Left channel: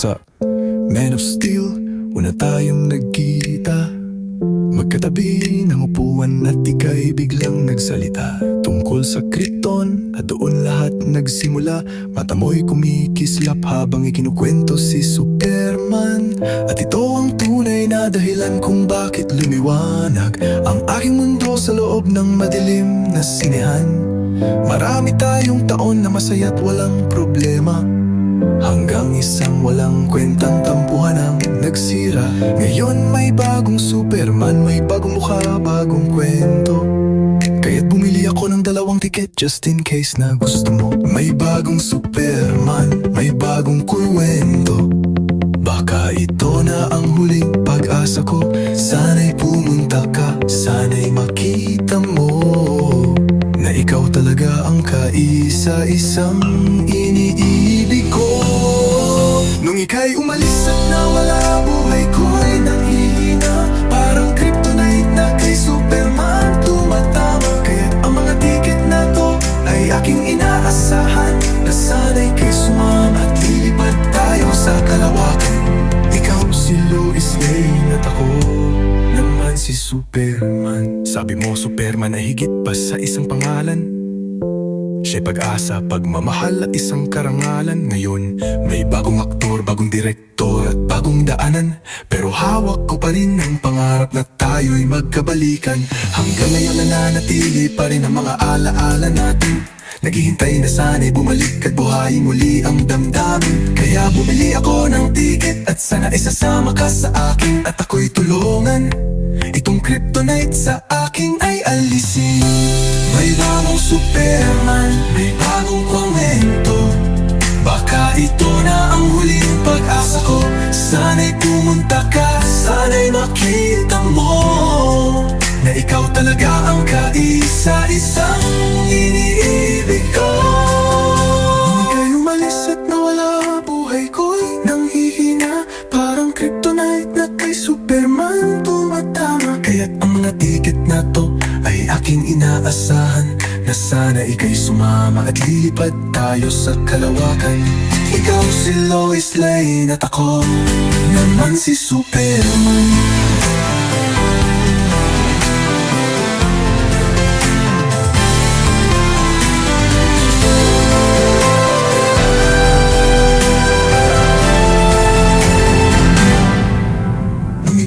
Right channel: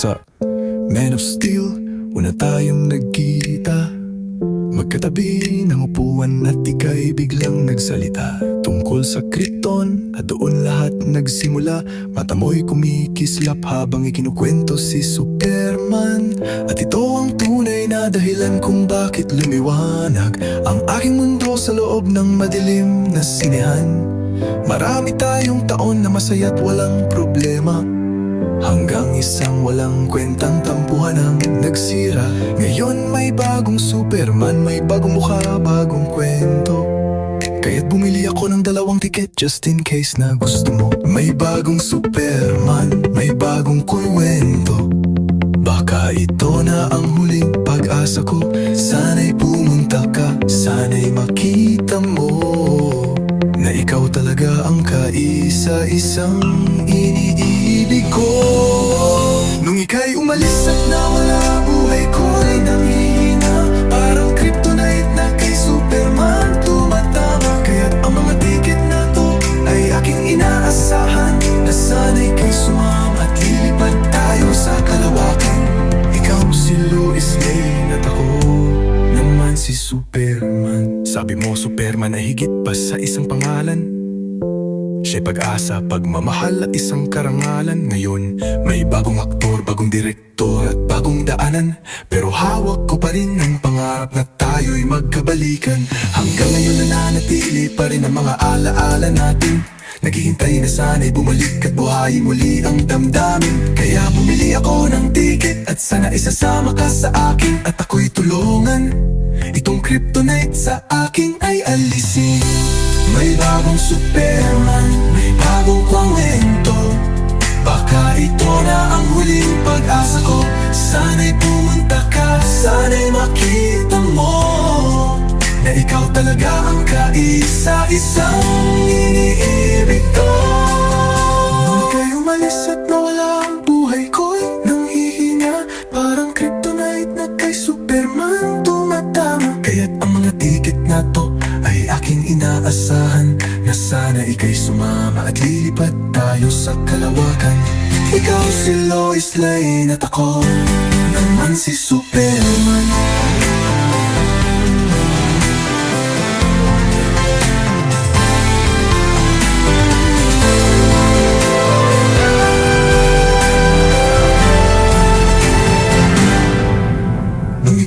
Sa Man of Steel, una tayong nagkita. Magkatabi ng upuan at ika'y biglang nagsalita. Tungkol sa Krypton at doon lahat nagsimula. Mata mo'y kumikislap habang ikinukwento si Superman. At ito ang tunay na dahilan kung bakit lumiwanag Ang aking mundo sa loob ng madilim na sinehan. Marami tayong taon na masaya't walang problema Hanggang isang walang kwentang tampuhan ang nagsira. Ngayon may bagong Superman, may bagong mukha, bagong kwento. Kaya't bumili ako ng dalawang tiket just in case na gusto mo. May bagong Superman, may bagong kwento Baka ito na ang huling pag-asa ko. Sana'y pumunta talaga ang kaisa-isang iniibig ko. Nung ika'y umalis at nawala buhay ko'y nanghihina Parang kryptonite na kay Superman tumatama. Kaya't ang mga tiket na to ay aking inaasahan Na sana'y kay sumama at lilipad tayo sa kalawakan. Ikaw si Lois Lane at ako naman si Superman. Sabi mo Superman ay higit pa sa isang pangalan Siya'y pag-asa, pagmamahal at isang karangalan. Ngayon, may bagong aktor, bagong direktor at bagong daanan. Pero hawak ko pa rin ang pangarap na tayo'y magkabalikan. Hanggang ngayon nananatili pa rin ang mga alaala natin. Naghihintay na sana'y bumalik at buhayin muli ang damdamin. Kaya bumili ako ng tiket at sana isasama ka sa akin. At ako'y tulungan. Itong kryptonite sa akin ay alisin. May bagong Superman, talaga ang kaisa-isang iniibig ko. Nung ika'y umalis at nawala Buhay ko'y nanghihina. Parang kryptonite na kay Superman tumatama. Kaya't ang mga tiket na to ay aking inaasahan Na sana ika'y sumama at lilipad tayo sa kalawakan. Ikaw si Lois Lane at ako naman si Superman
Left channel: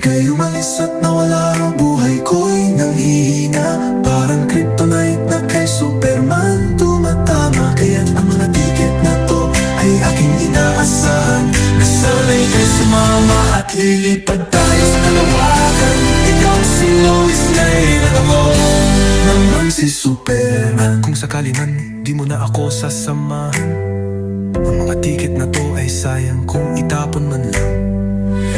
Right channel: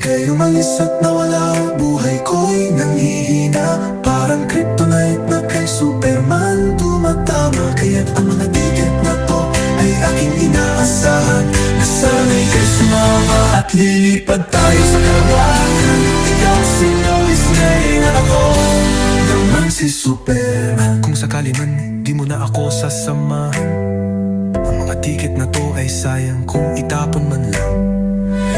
Ika'y umalis at nawala Buhay ko'y nanghihina. Parang kryptonite na kay Superman Tumatama. Kaya't ang mga tiket na to Ay aking inaasahan. Na sana'y kay sumama At lilipad tayo sa kalawakan. Ikaw si Lois At ako naman si Superman. Kung sakali man Di mo na ako sasamahan. Ang mga tiket na to ay sayang Kung itapon man lang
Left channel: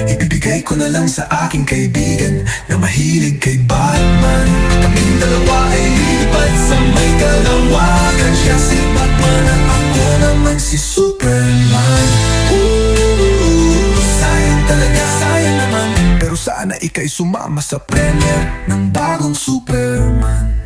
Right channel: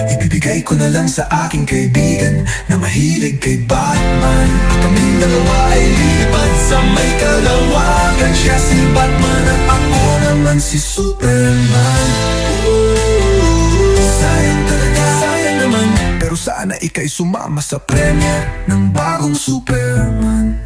Ibibigay ko na lang sa aking kaibigan Na mahilig kay Batman. At kaming dalawa ay lilipad sa may kalawakan Siya si Batman at ako naman si Superman. Ooh, Sayang talaga, sayang naman. Pero sana ika'y sumama sa premiere ng bagong Superman